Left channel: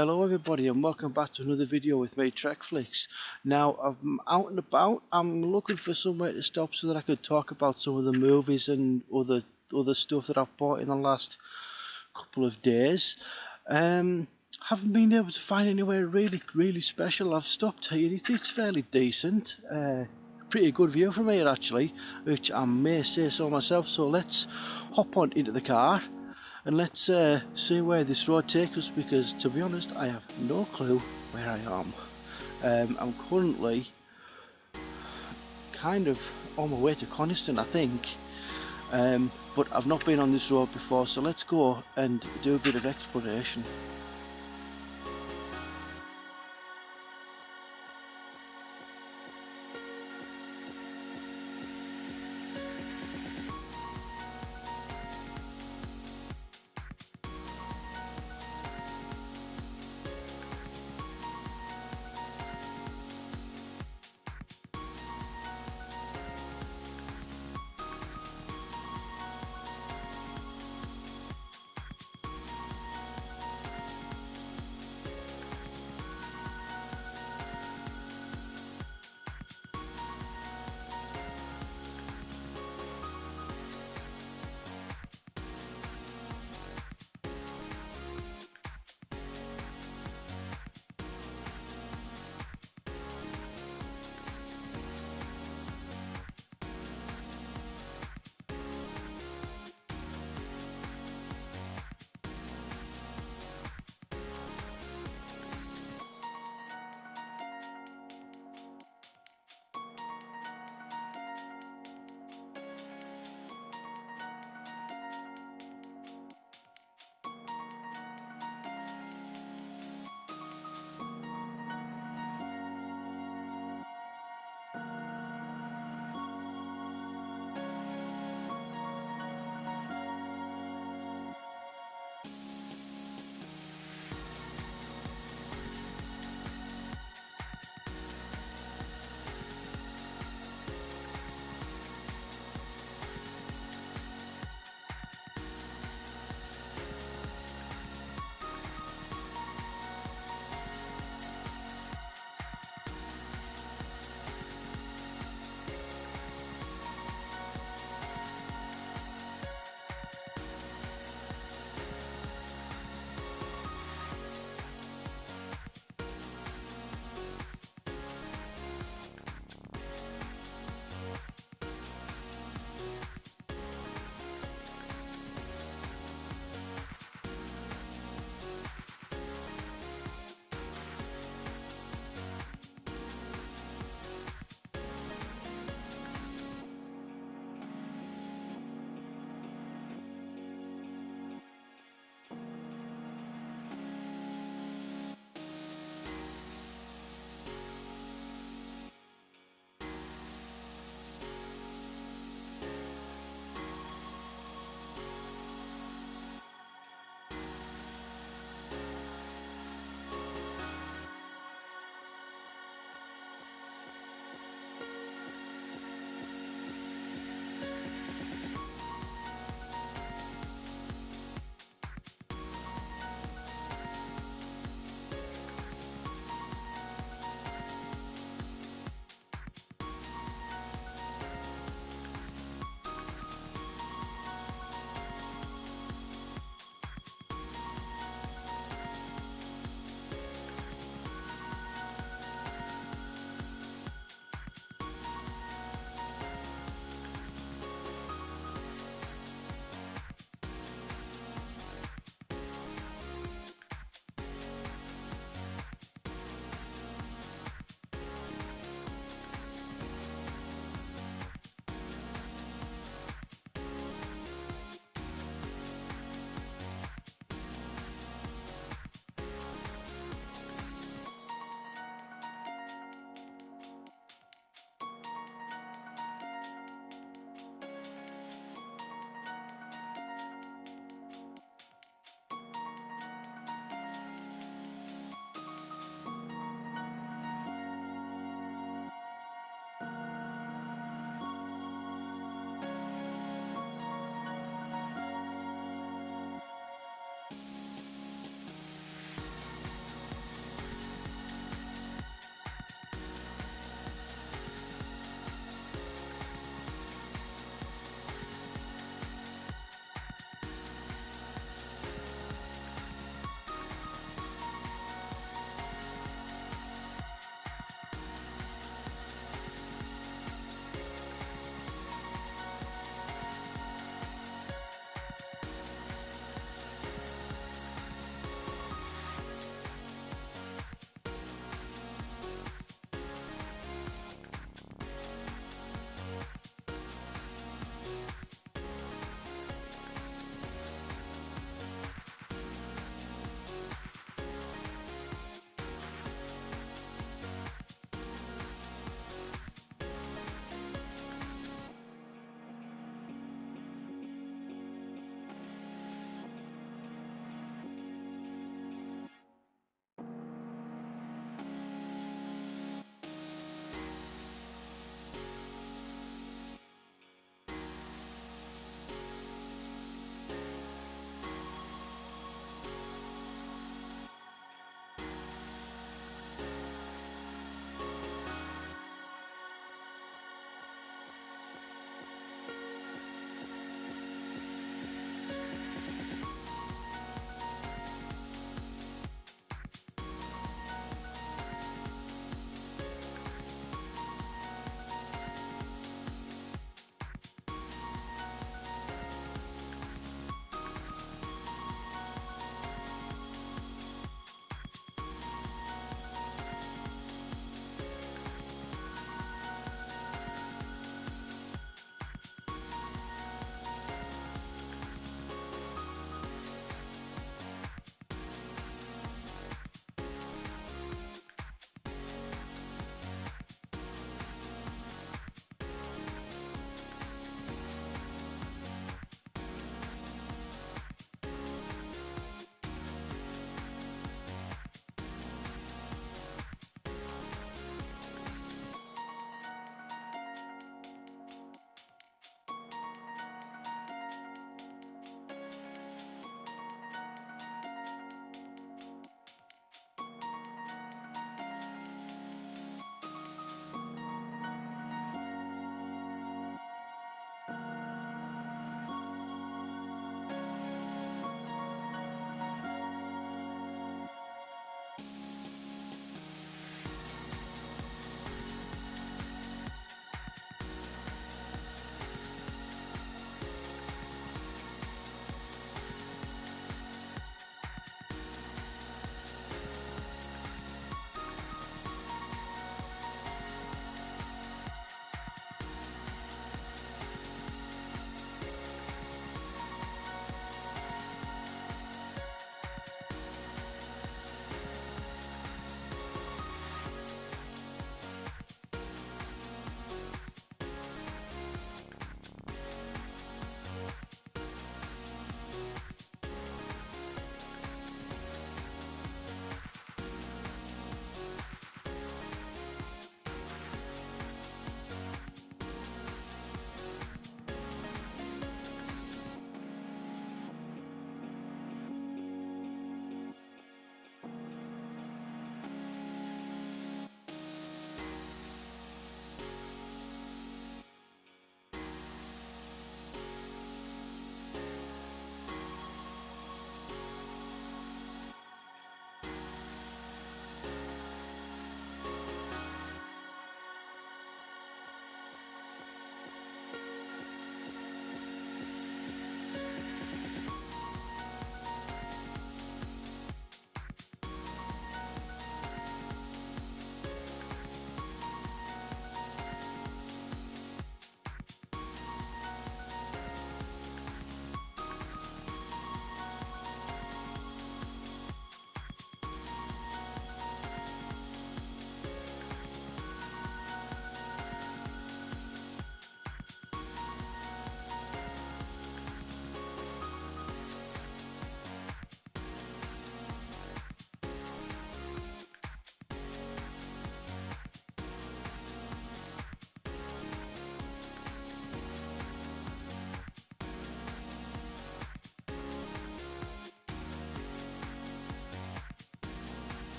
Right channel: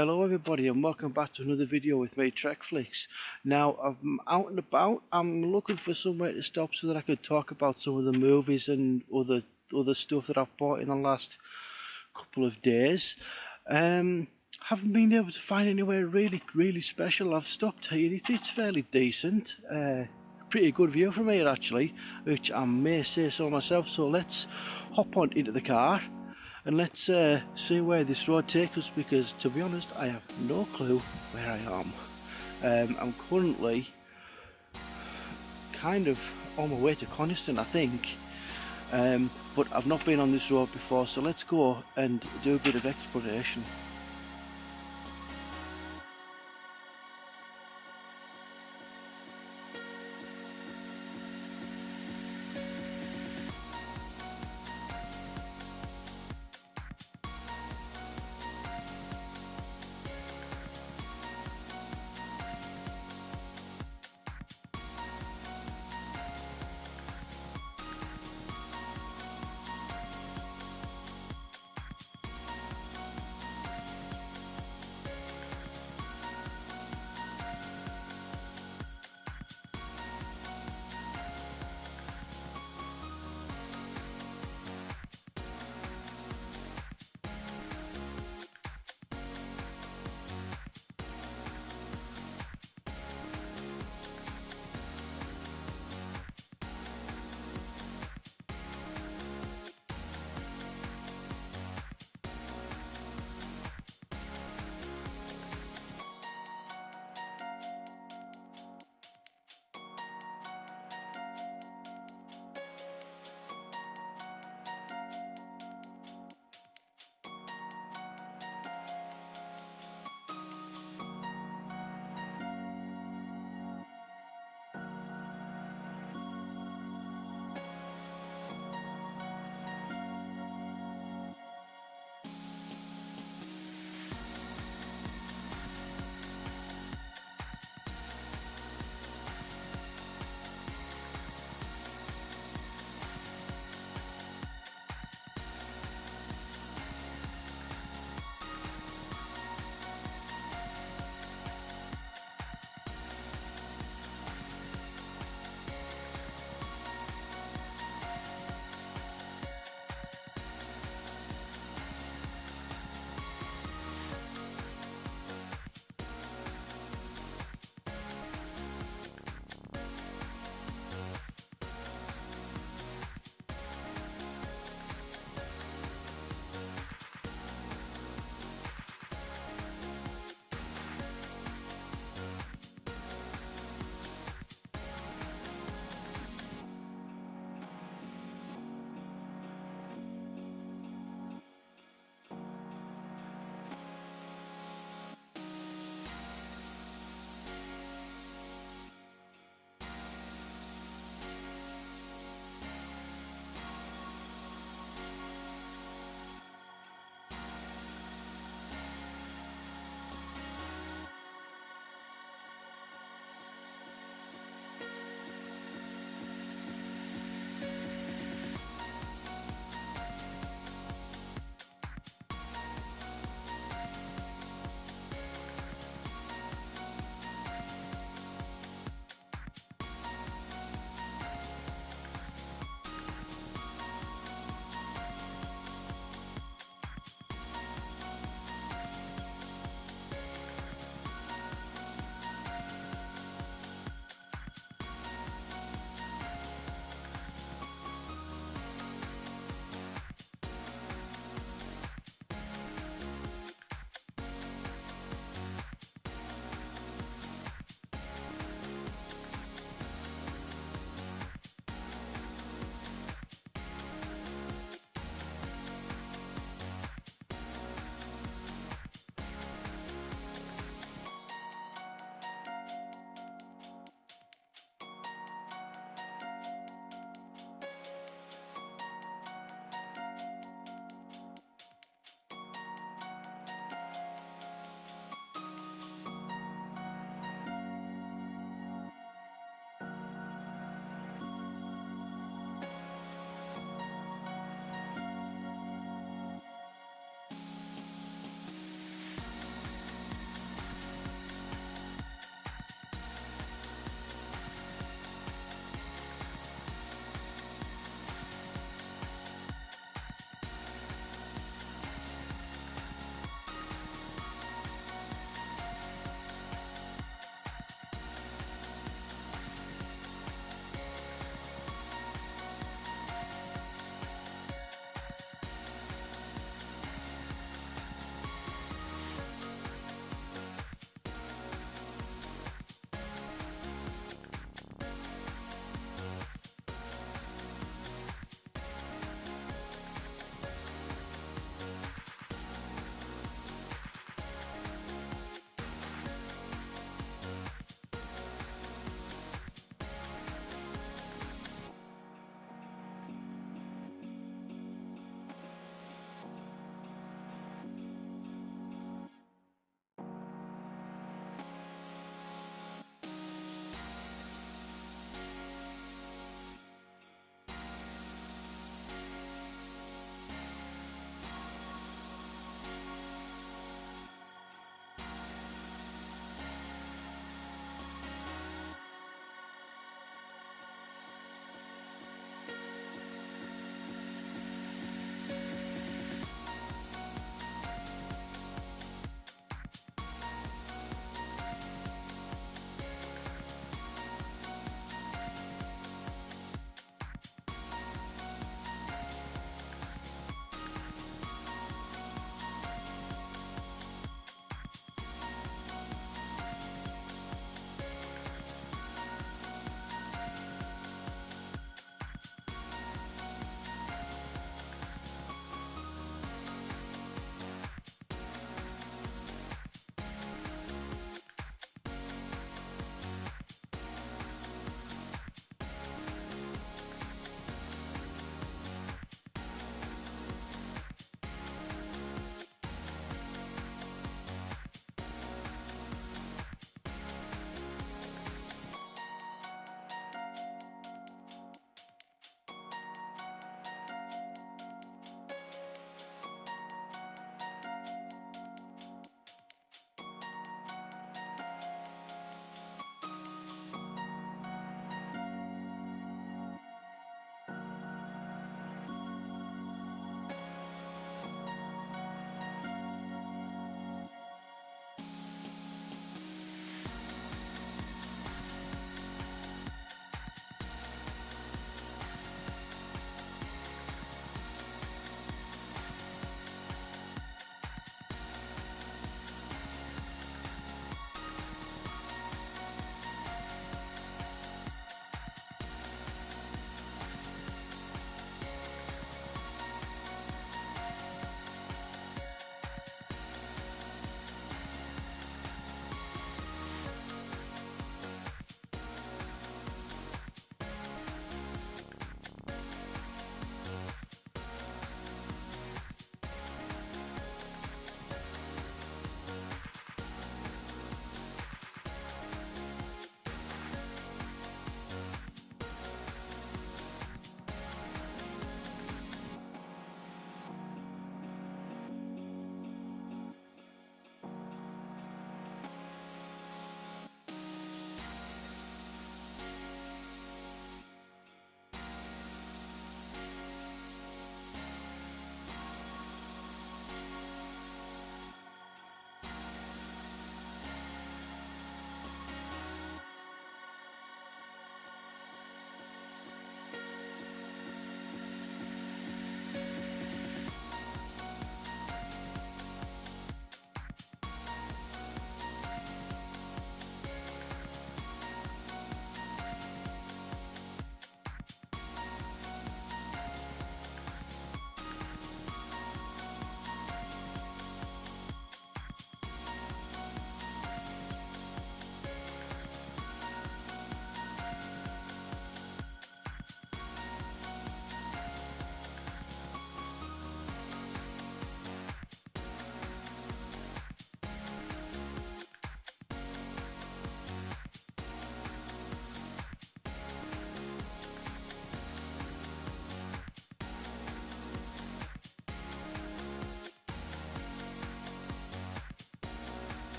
Hello everybody and welcome back to another video with me, Trekflix. Now I'm out and about. I'm looking for somewhere to stop so that I could talk about some of the movies and other stuff that I've bought in the last couple of days. Haven't been able to find anywhere really special. I've stopped here. It's fairly decent. Pretty good view from here actually, which I may say so myself. So let's hop on into the car and let's see where this road takes us, because to be honest I have no clue where I am. I'm currently kind of on my way to Coniston, I think, but I've not been on this road before, so let's go and do a bit of exploration.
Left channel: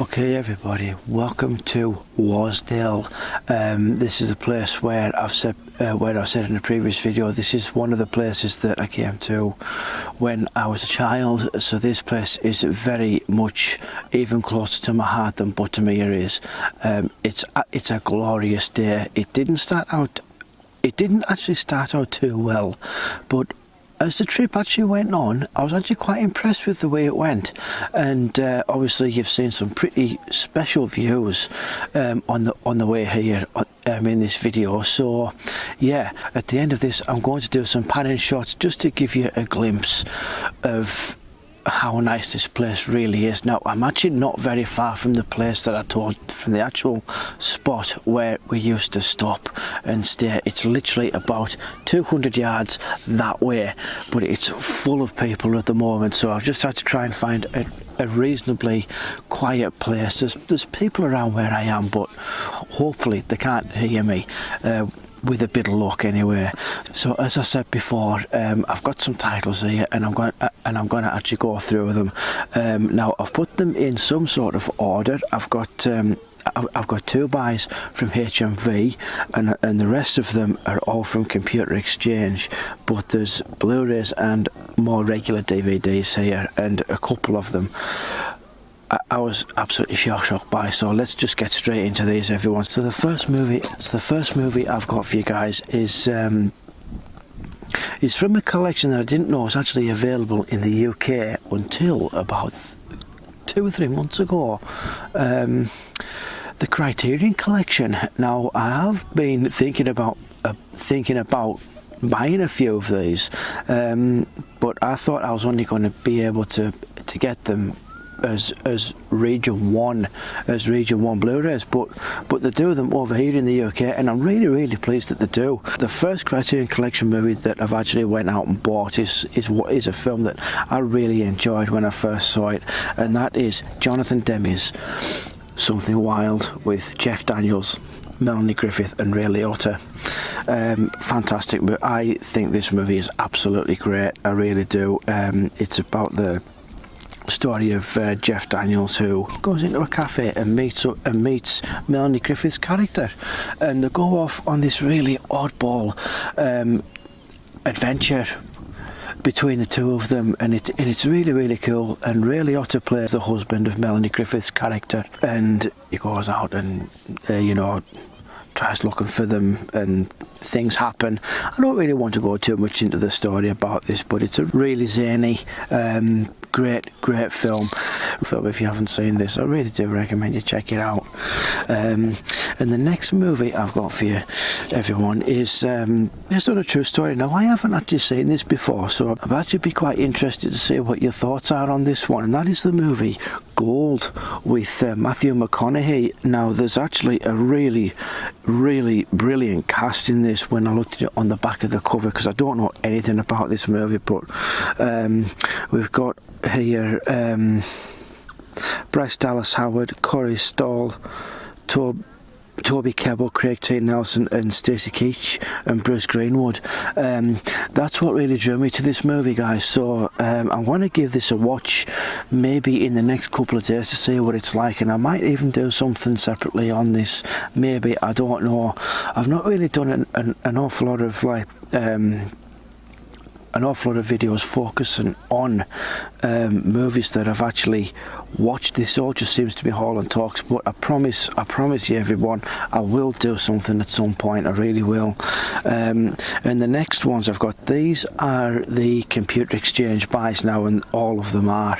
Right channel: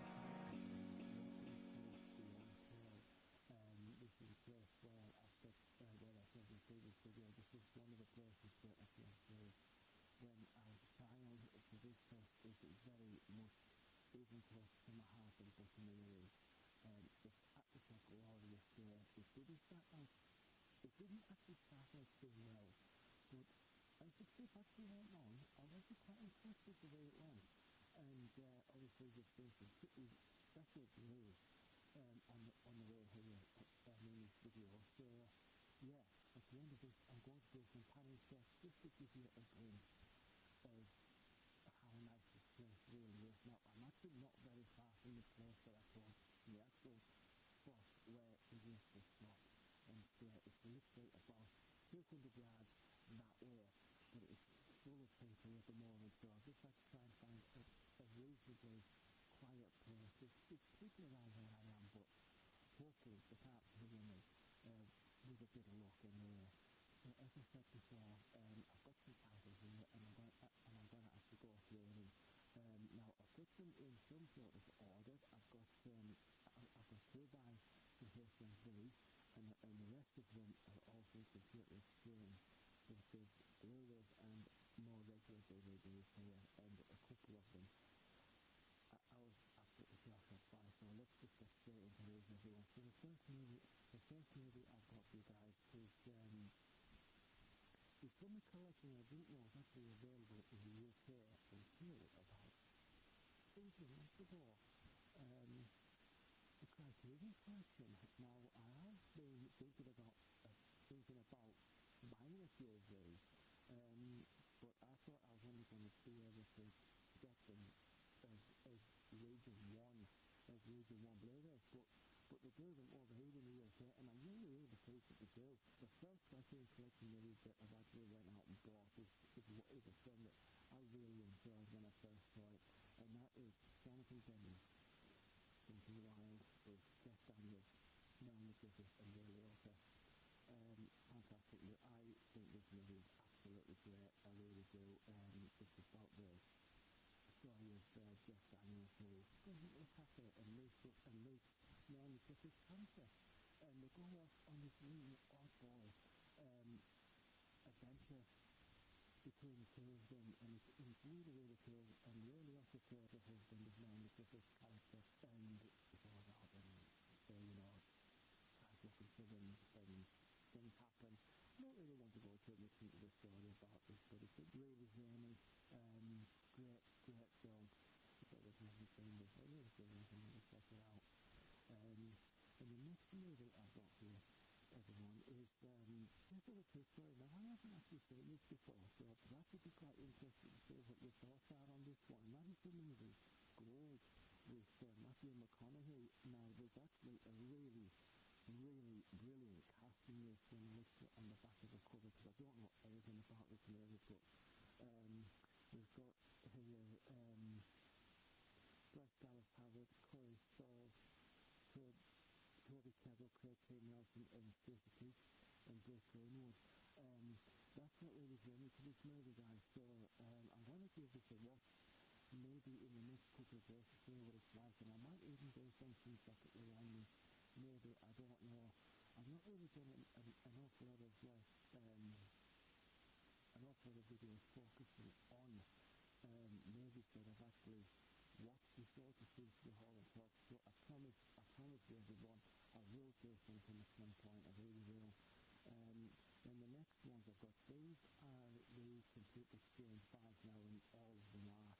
Okay everybody, welcome to Wasdale. This is a place where I've said in a previous video, this is one of the places that I came to when I was a child. So this place is very much even closer to my heart than Buttermere is. It's a glorious day. It didn't actually start out too well, but as the trip actually went on, I was actually quite impressed with the way it went, and obviously you've seen some pretty special views on the way here in this video. So yeah, at the end of this I'm going to do some panning shots just to give you a glimpse of how nice this place really is. Now I'm actually not very far from the place that I told, from the actual spot where we used to stop and stay. It's literally about 200 yards that way, but it's full of people at the moment, so I've just had to try and find a reasonably quiet place. There's people around where I am, but hopefully they can't hear me, with a bit of luck anyway. So as I said before, I've got some titles here, and I'm going to actually go through them. Now I've put them in some sort of order. I've got 2 buys from HMV, and the rest of them are all from Computer Exchange, but there's Blu-rays and more regular DVDs here, and a couple of them I was absolutely shocked by. So let's just get straight into these, everyone. So the first movie I've got for you guys is from a collection that I didn't know was actually available in the UK until about 2 or 3 months ago. The Criterion Collection. Now I have been thinking about buying a few of these, but I thought I was only going to be able to get them as region 1 Blu-rays, but they do them over here in the UK, and I'm really pleased that they do. The first Criterion Collection movie that I've actually went out and bought is a film that I really enjoyed when I first saw it, and that is Jonathan Demme's Something Wild with Jeff Daniels, Melanie Griffith and Ray Liotta. Fantastic. But I think this movie is absolutely great. I really do. It's about the story of Jeff Daniels, who goes into a cafe and meets Melanie Griffith's character, and they go off on this really oddball adventure between the two of them, and it's really cool. And Ray Liotta plays the husband of Melanie Griffith's character, and he goes out and tries looking for them, and things happen. I don't really want to go too much into the story about this, but it's a really zany, great film. If you haven't seen this, I really do recommend you check it out. And the next movie I've got for you, everyone, is based on a true story. Now I haven't actually seen this before, so I'd actually be quite interested to see what your thoughts are on this one, and that is the movie Gold with Matthew McConaughey. Now there's actually a really brilliant cast in this when I looked at it on the back of the cover, because I don't know anything about this movie, but we've got here Bryce Dallas Howard, Corey Stoll, Toby Kebbell, Craig T. Nelson and Stacey Keach and Bruce Greenwood. That's what really drew me to this movie, guys. So I'm going to give this a watch maybe in the next couple of days to see what it's like, and I might even do something separately on this, maybe, I don't know. I've not really done an awful lot of videos focusing on movies that I've actually watched. This all just seems to be Haulin Talks, but I promise you, everyone, I will do something at some point. I really will. And the next ones I've got, these are the Computer Exchange buys now, and all of them are.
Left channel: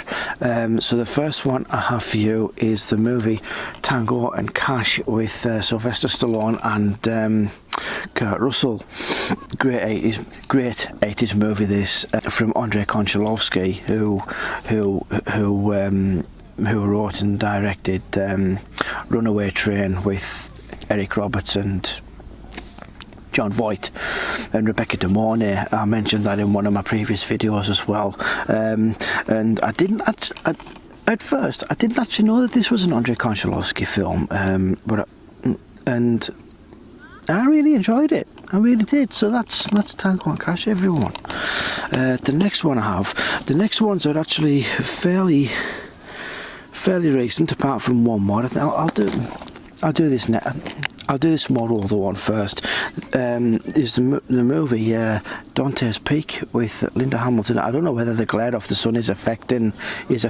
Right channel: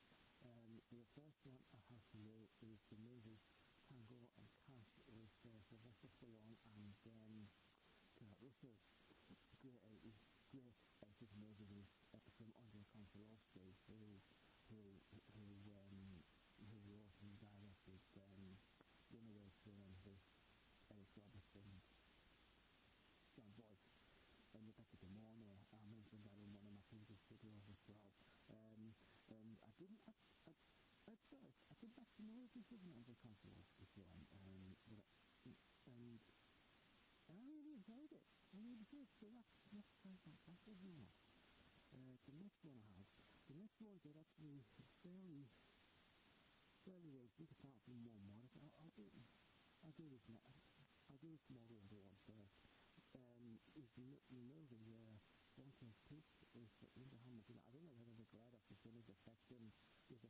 So the first one I have for you is the movie Tango and Cash with Sylvester Stallone and Kurt Russell. Great 80s movie this, from Andrei Konchalovsky, who wrote and directed Runaway Train with Eric Roberts and John Voight and Rebecca De Mornay. I mentioned that in one of my previous videos as well. And at first I didn't actually know that this was an Andrei Konchalovsky film, and I really enjoyed it. I really did. So that's Tango and Cash, everyone. The next one I have, the next ones are actually fairly fairly recent, apart from one more. I think I'll do this now. I'll do this more older one first. Is the movie Dante's Peak with Linda Hamilton. I don't know whether the glare of the sun is affecting these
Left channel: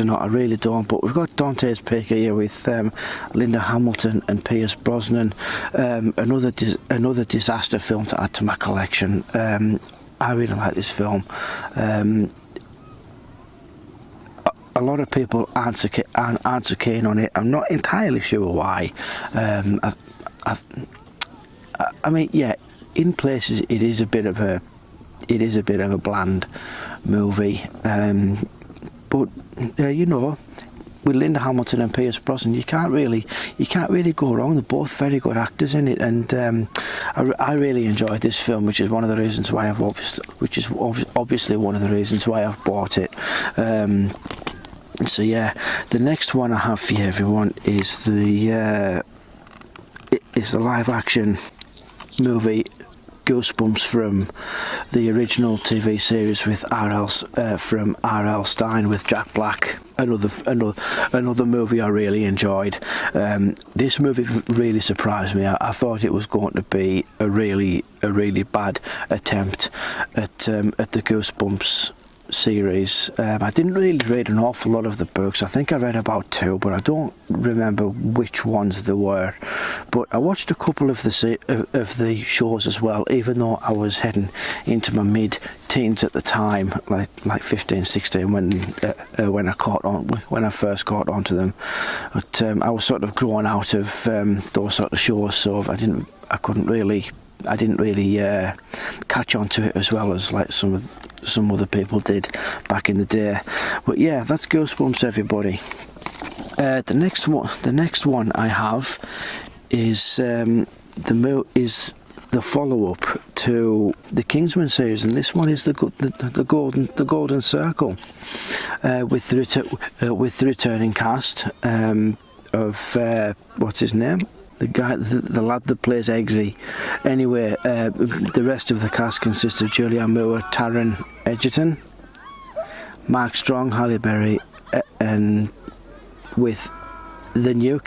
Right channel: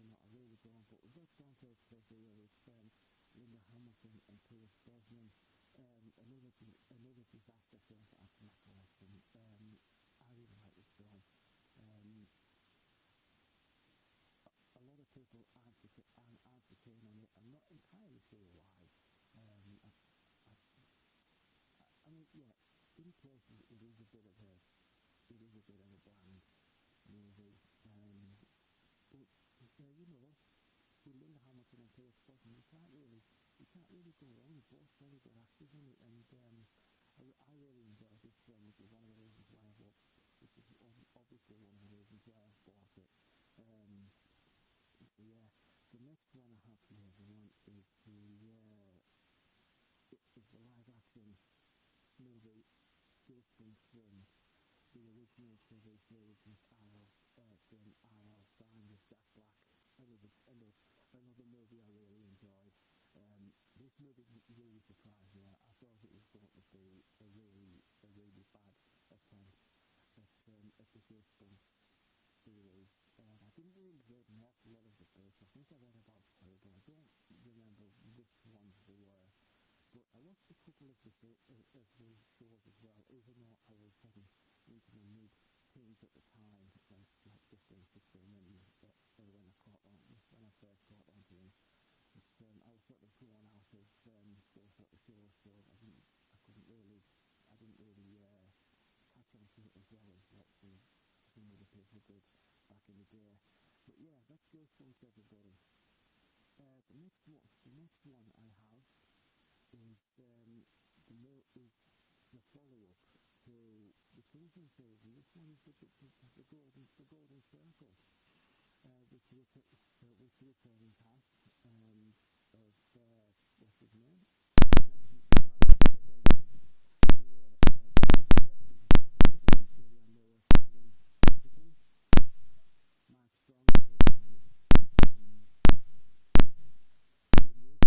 or not. I really don't. But we've got Dante's Peak here with Linda Hamilton and Pierce Brosnan. Another disaster film to add to my collection. I really like this film. A lot of people aren't so keen on it. I'm not entirely sure why. I mean, yeah, in places it is a bit of a bland movie. But you know, with Linda Hamilton and Pierce Brosnan, you can't really go wrong. They're both very good actors in it, and I really enjoyed this film, which is one of the reasons why obviously one of the reasons why I've bought it. So yeah, the next one I have for you, everyone, is the live action movie Goosebumps from the original TV series with from R.L. Stine with Jack Black. Another movie I really enjoyed. This movie really surprised me. I thought it was going to be a really bad attempt at the Goosebumps series. I didn't really read an awful lot of the books. I think I read about 2, but I don't remember which ones they were. But I watched a couple of the shows as well, even though I was heading into my mid-teens at the time, like 15, 16, when I first caught onto them. But I was sort of growing out of those sort of shows, so I didn't really catch on to it as well as like some other people did back in the day. But yeah, that's Goosebumps, everybody. The next one I have is the follow-up to the Kingsman series, and this one is the Golden Circle, with the returning cast of what's his name? The lad that plays Eggsy. Anyway, the rest of the cast consists of Julianne Moore, Taron Egerton, Mark Strong, Halle Berry, and with the new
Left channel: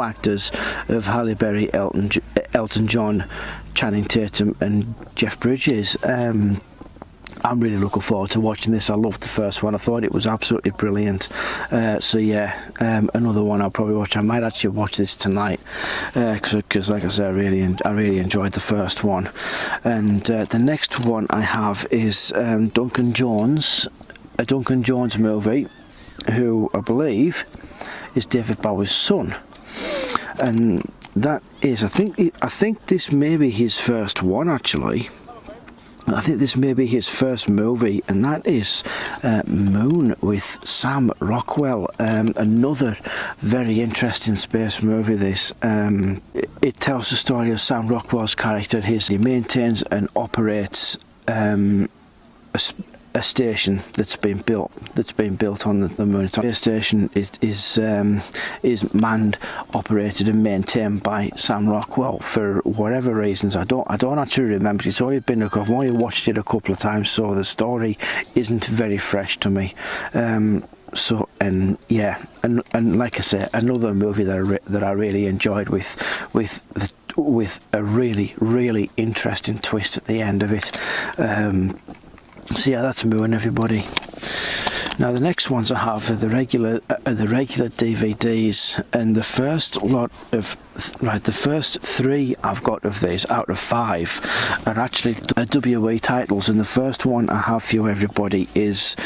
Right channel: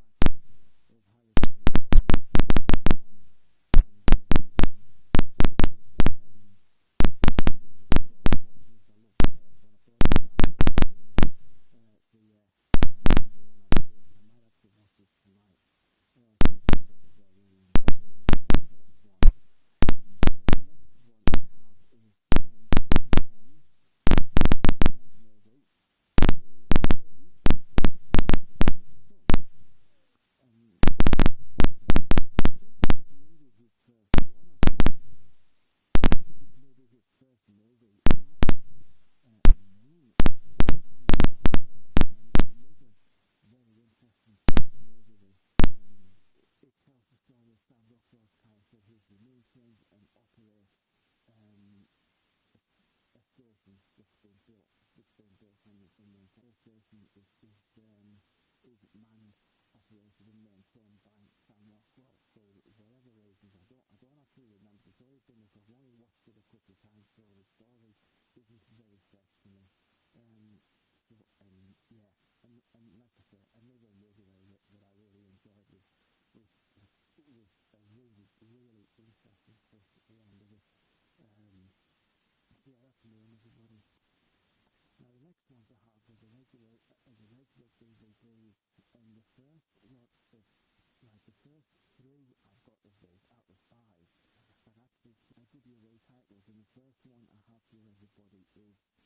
actors of Halle Berry, Elton John, Channing Tatum, and Jeff Bridges. I'm really looking forward to watching this. I loved the first one. I thought it was absolutely brilliant. So yeah, another one I'll probably watch. I might actually watch this tonight because, like I said, I really enjoyed the first one. And the next one I have is Duncan Jones, a Duncan Jones movie, who I believe is David Bowie's son. And that is, I think this may be his first one, actually. I think this may be his first movie, and that is Moon with Sam Rockwell. Another very interesting space movie, this. It tells the story of Sam Rockwell's character. He maintains and operates a station that's been built on the moon. The station is manned, operated and maintained by Sam Rockwell for whatever reasons. I don't actually remember. It's only been I've only watched it a couple of times, so the story isn't very fresh to me. So, and yeah, and like I say, another movie that I really enjoyed with a really interesting twist at the end of it. So yeah, that's Moon, everybody. Now the next ones I have are the regular DVDs, and the first 3 I've got of these out of 5 are actually WE titles, and the first one I have for you, everybody, is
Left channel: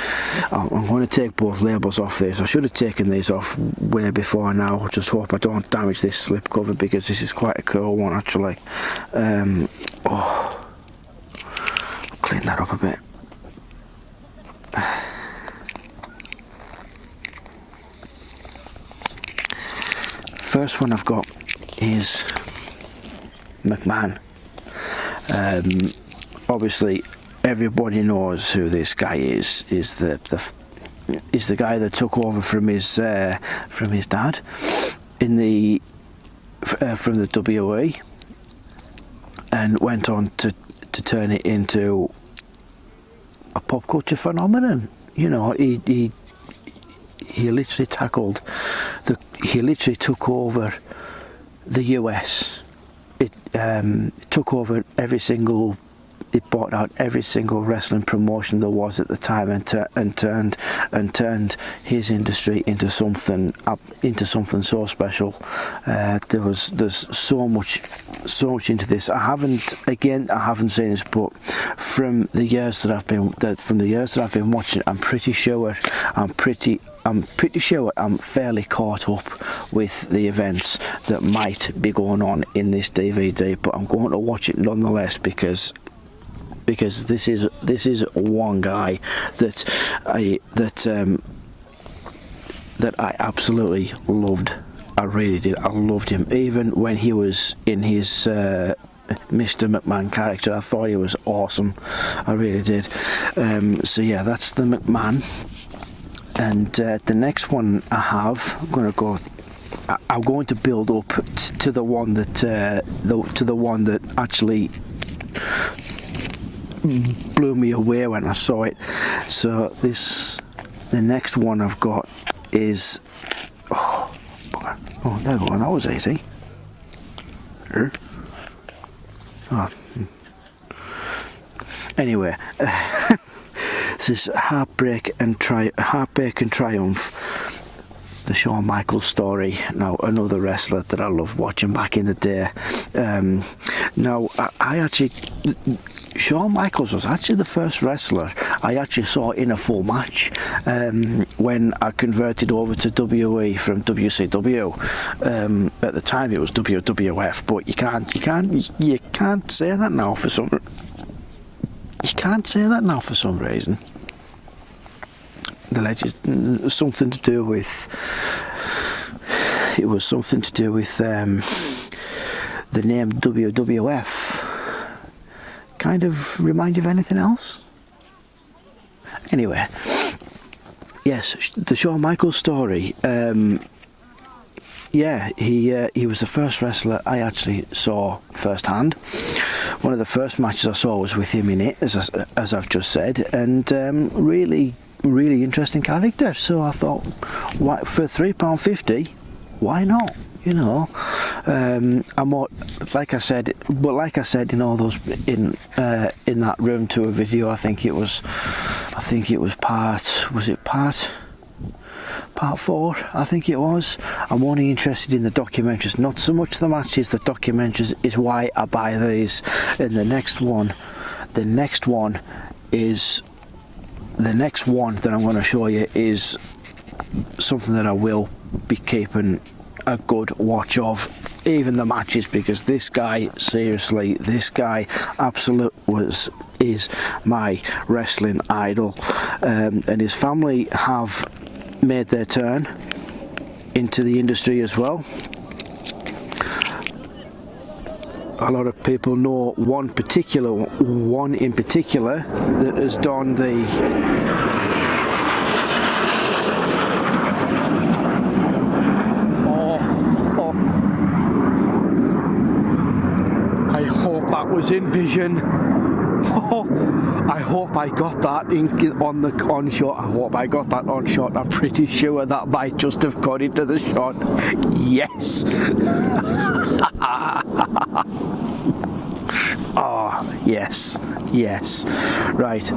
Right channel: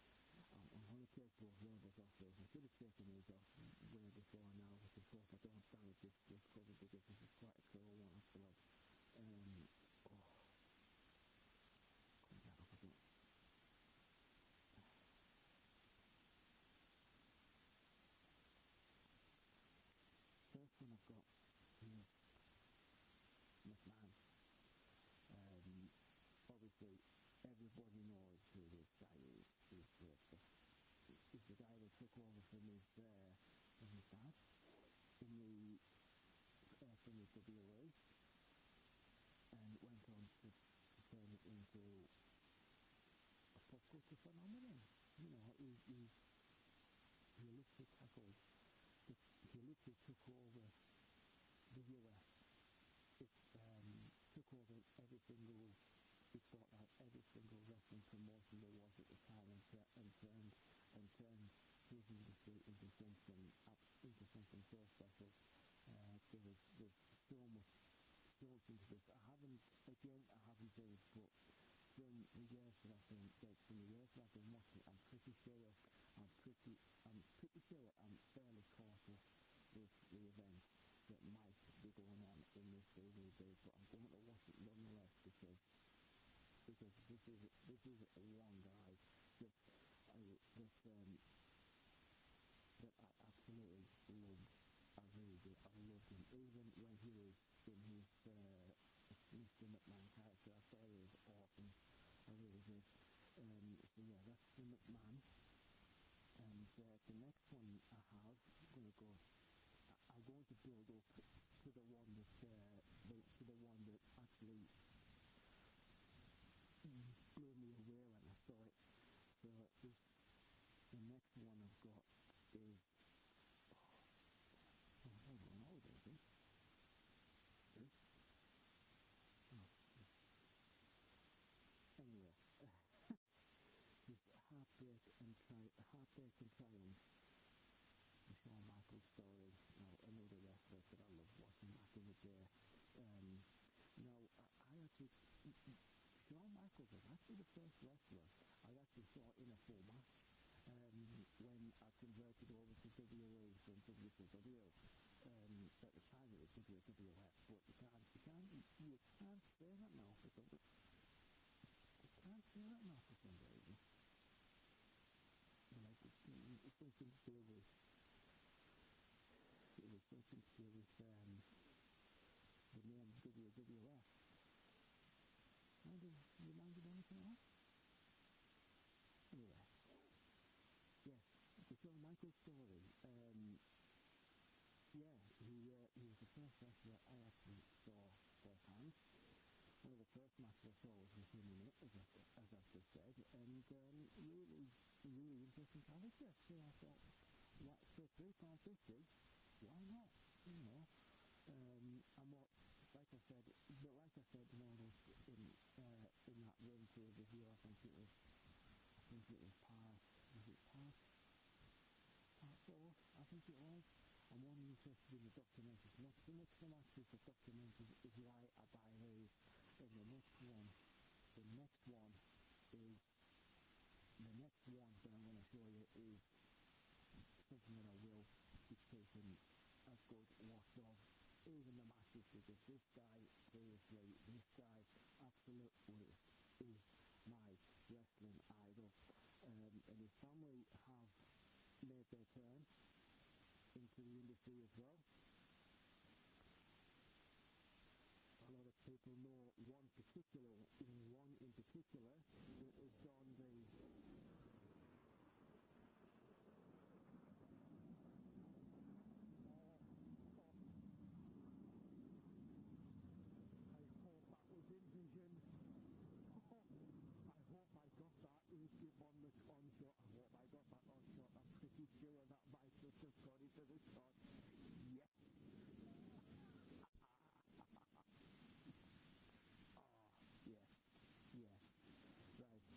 I'm going to take both labels off this. I should have taken these off way before now. Just hope I don't damage this slipcover, because this is quite a cool one, actually. Clean that up a bit. First one I've got is McMahon. Obviously, everybody knows who this guy is. Is the guy that took over from his dad in from the WE, and went on to turn it into a pop culture phenomenon. You know, he he literally he literally took over the US. It took over it bought out every single wrestling promotion there was at the time, and turned his industry into something so special. There's so much into this. I haven't seen this, but from the years that I've been watching, I'm pretty sure I'm fairly caught up with the events that might be going on in this DVD, but I'm going to watch it nonetheless because this is one guy that I absolutely loved. I really did. I loved him even when he was in his Mr. McMahon character. I thought he was awesome. I really did. So yeah, that's the McMahon. And the next one I have, I'm going to build up to the one that actually blew me away when I saw it. So the next one I've got is there we go. That was easy. Anyway, this is Heartbreak and Triumph. The Shawn Michaels story. Now, another wrestler that I loved watching back in the day. Now, Shawn Michaels was actually the first wrestler I actually saw in a full match when I converted over to WWE from WCW. At the time, it was WWF, but you can't say that now for some. You can't say that now for some reason. Something to do with the name WWF. Kind of remind you of anything else? Anyway, yes, the Shawn Michaels story. Yeah, he was the first wrestler I actually saw firsthand. One of the first matches I saw was with him in it, as I've just said, and really interesting character. So I thought, for £3.50, why not? You know, I'm more, like I said in all those in that room tour video. I think it was part 4, I think it was. I'm only interested in the documentaries, not so much the matches. The documentaries is why I buy these. And the next one that I'm going to show you is something that I will be keeping a good watch of, even the matches, because this guy is my wrestling idol, and his family have made their turn into the industry as well. A lot of people know one in particular that has done the I hope that was in vision. I hope I got that on shot. I hope I got that on shot. I'm pretty sure that might just have got into the shot. Yes. Oh, yes. Right.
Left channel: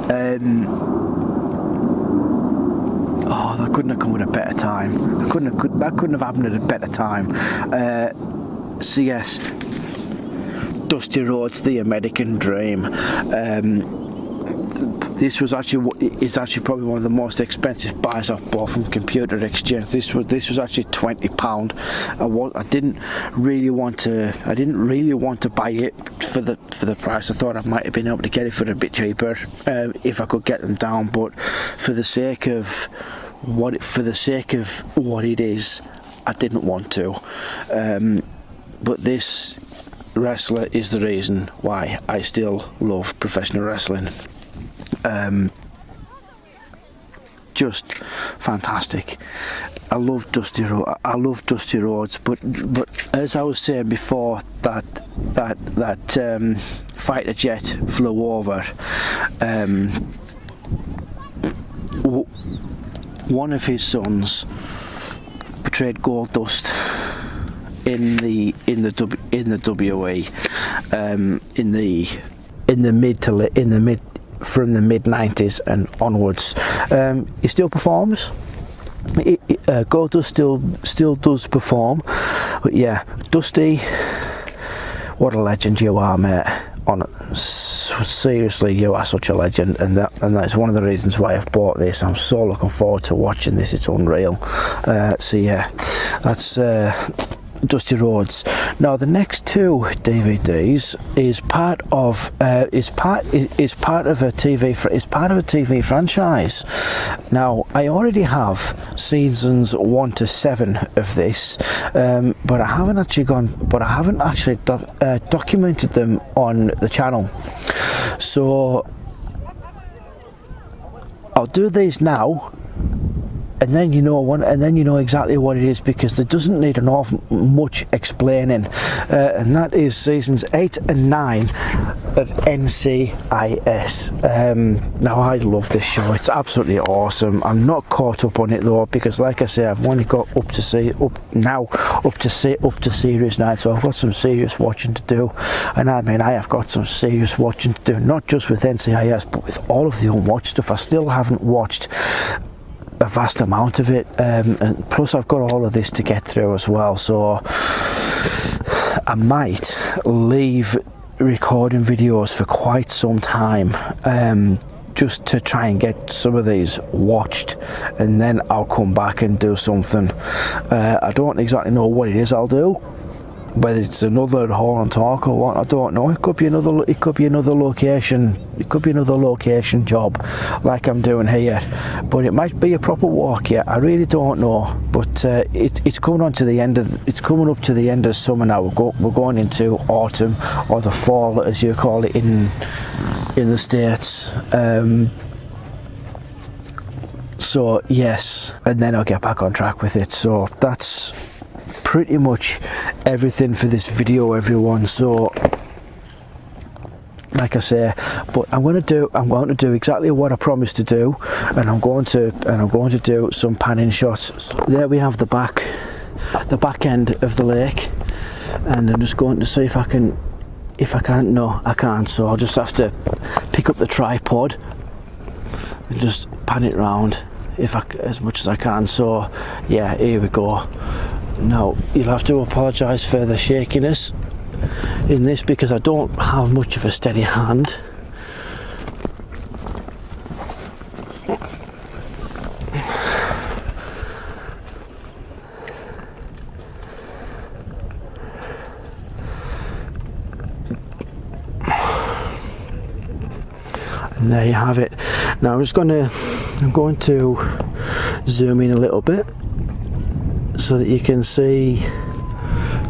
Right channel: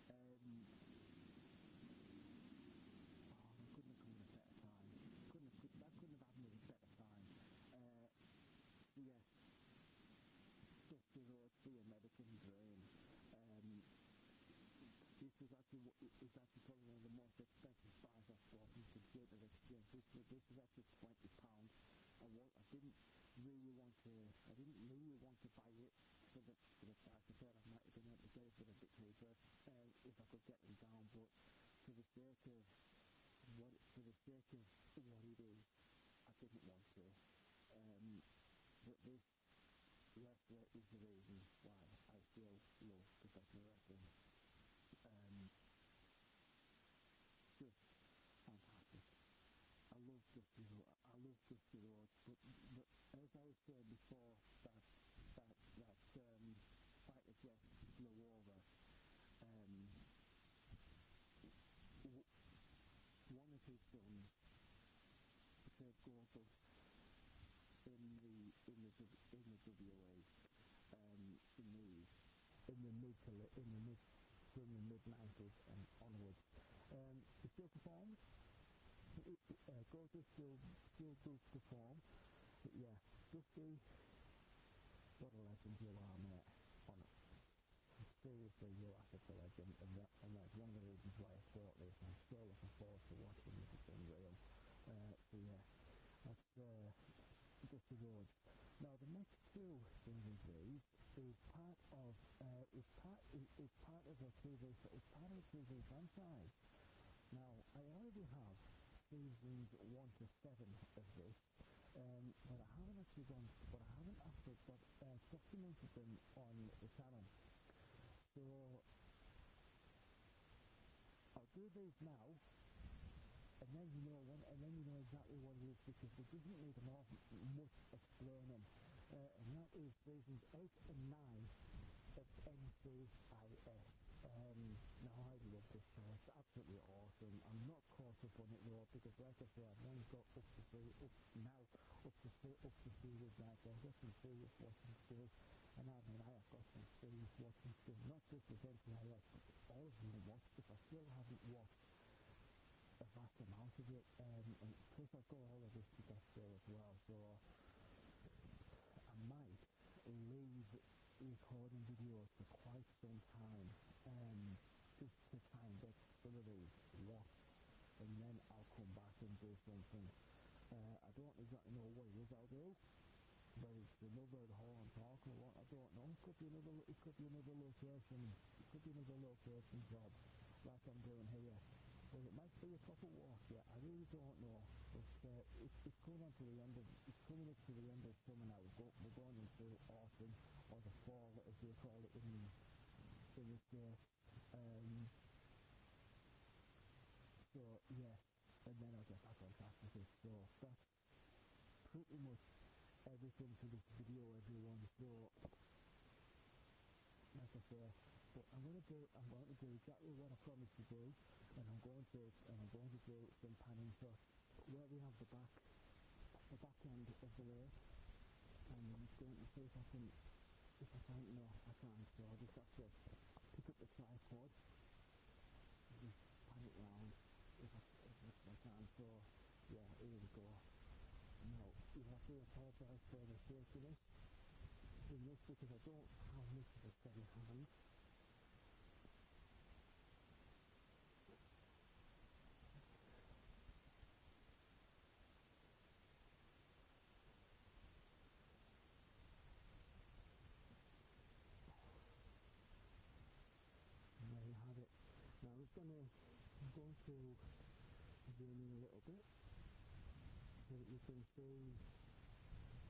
Oh, that couldn't have come at a better time. That couldn't have happened at a better time. So yes, Dusty Rhodes, the American Dream. This was actually probably one of the most expensive buys I've bought from Computer Exchange. This was actually £20. I didn't really want to buy it for the price. I thought I might have been able to get it for a bit cheaper if I could get them down. But for the sake of what it is, I didn't want to. But this wrestler is the reason why I still love professional wrestling. Just fantastic. I love Dusty Rhodes, but as I was saying before, that fighter jet flew over. one of his sons portrayed Gold Dust in the WE from the mid 90s and onwards. He still performs. Gold Dust still does perform, but yeah, Dusty, what a legend you are, mate. Seriously, you are such a legend, and that's one of the reasons why I've bought this. I'm so looking forward to watching this. It's unreal. So yeah, that's Dusty Rhodes. Now the next two DVDs is part of a TV franchise. Now I already have seasons 1 to 7 of this, but I haven't actually documented them on the channel. So I'll do these now, and then you know exactly what it is, because it doesn't need an awful much explaining, and that is seasons 8 and 9 of NCIS. Now I love this show, it's absolutely awesome. I'm not caught up on it though, because like I say, I've only got up to series 9, so I've got some serious watching to do. And I mean, I have got some serious watching to do, not just with NCIS but with all of the unwatched stuff. I still haven't watched a vast amount of it, and plus I've got all of this to get through as well, so I might leave recording videos for quite some time, just to try and get some of these watched, and then I'll come back and do something. I don't exactly know what it is I'll do, whether it's another Haulin talk or what, I don't know. It could be another location. It could be another location job like I'm doing here, but it might be a proper walk. Yeah, I really don't know. But it's coming up to the end of summer now. We're going into autumn, or the fall as you call it in the States. So yes, and then I'll get back on track with it. So that's pretty much everything for this video, everyone. So like I say, but I'm going to do exactly what I promised to do, and I'm going to do some panning shots. So there we have the back end of the lake, and I'm just going to see if I can't. No, I can't, so I'll just have to pick up the tripod and just pan it round as much as I can. So yeah, here we go. Now you'll have to apologise for the shakiness in this, because I don't have much of a steady hand. And there you have it. Now I'm going to zoom in a little bit so that you can see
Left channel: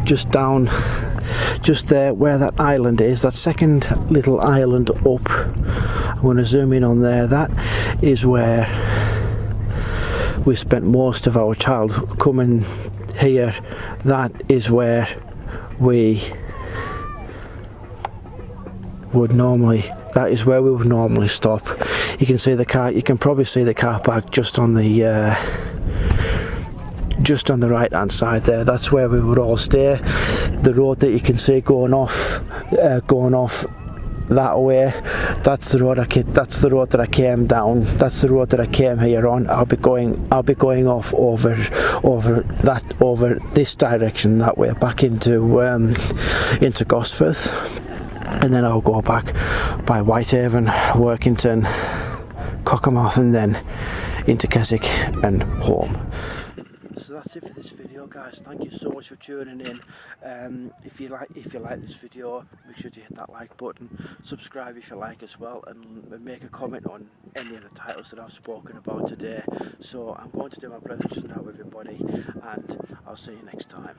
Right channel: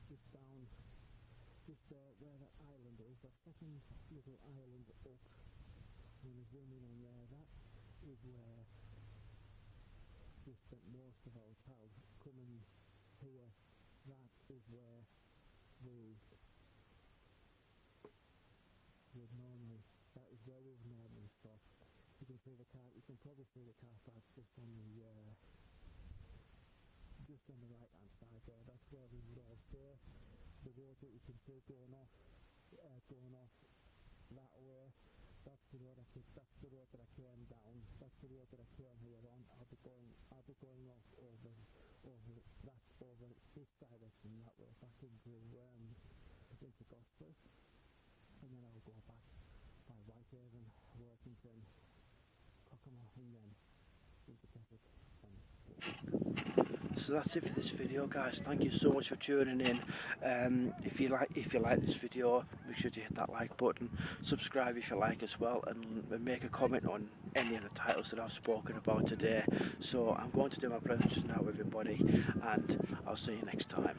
just there where that island is, that second little island up. I'm going to zoom in on there. That is where we spent most of our childhood. Coming here, that is where we would normally stop. You can see the car, you can probably see the car park just on the right hand side there. That's where we would all stay. The road that you can see going off that way, that's the road that I came down. That's the road that I came here on. I'll be going off over this direction that way, back into Gosforth, and then I'll go back by Whitehaven, Workington, Cockermouth, and then into Keswick and home. So that's it for this video, guys. Thank you so much for tuning in. If you like this video, make sure to hit that like button, subscribe if you like as well, and make a comment on any of the titles that I've spoken about today. So I'm going to do my pleasures now, everybody, and I'll see you next time.